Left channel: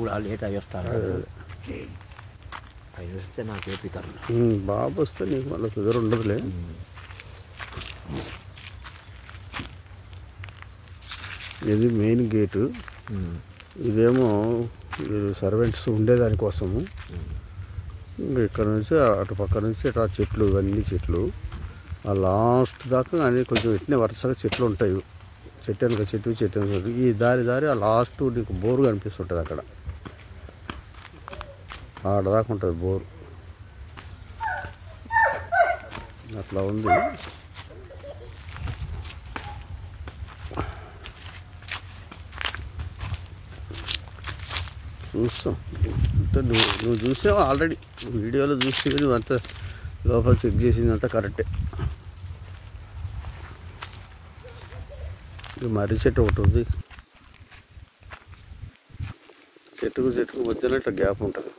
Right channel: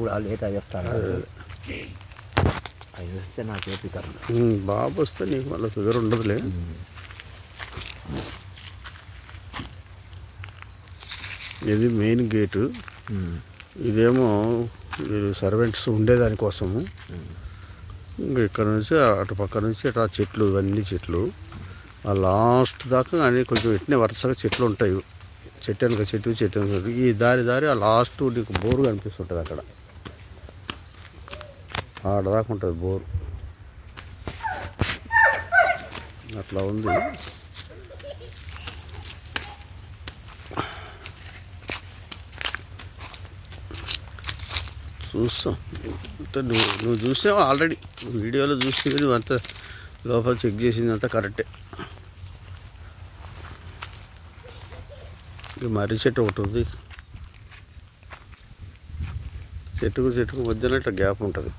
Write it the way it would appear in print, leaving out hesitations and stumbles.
Late అయ్యేస్తాను అవి వస్తే నాకు ఓపిక బాబు వస్తే నీకు మళ్ళీ ఫిగర్ ఉండదులే. ఇది మెయిన్ గేటు, ఇదేమో సర్వెంట్స్ ఉండేదానికోసము. ఇంకా ఇక్కడ నుంచి అటు పక్క నుంచి అటు చెట్లు, ఇవన్నీ చెట్లు ఆ లాస్ట్ దాకా కానీ కొంచెం ఇట్నే వరుసగా చెట్లు ఉంటాయి. చెట్టు వెనక చెట్టు, చెట్టు వెనక చెట్టు, ఈ దారి ఆ లాస్ట్ నీకు బోరు కనిపిస్తుంటుంది. అక్కడ ఆడదాకా ఉంటుంది బోరు. అట్లా ఉంది. చూస్తాం అంటే నువ్వు చూసావు ఆల్రెడీ వీడియోలో చూసి నువ్వు అంతా లోపల చెక్ చేసింది అంతా కరెక్టే. మర్రి చెట్టు ఒకటి ఉంది, చెట్టుకు మధ్యలో ఇట్లా గ్యాప్ ఉంటుంది.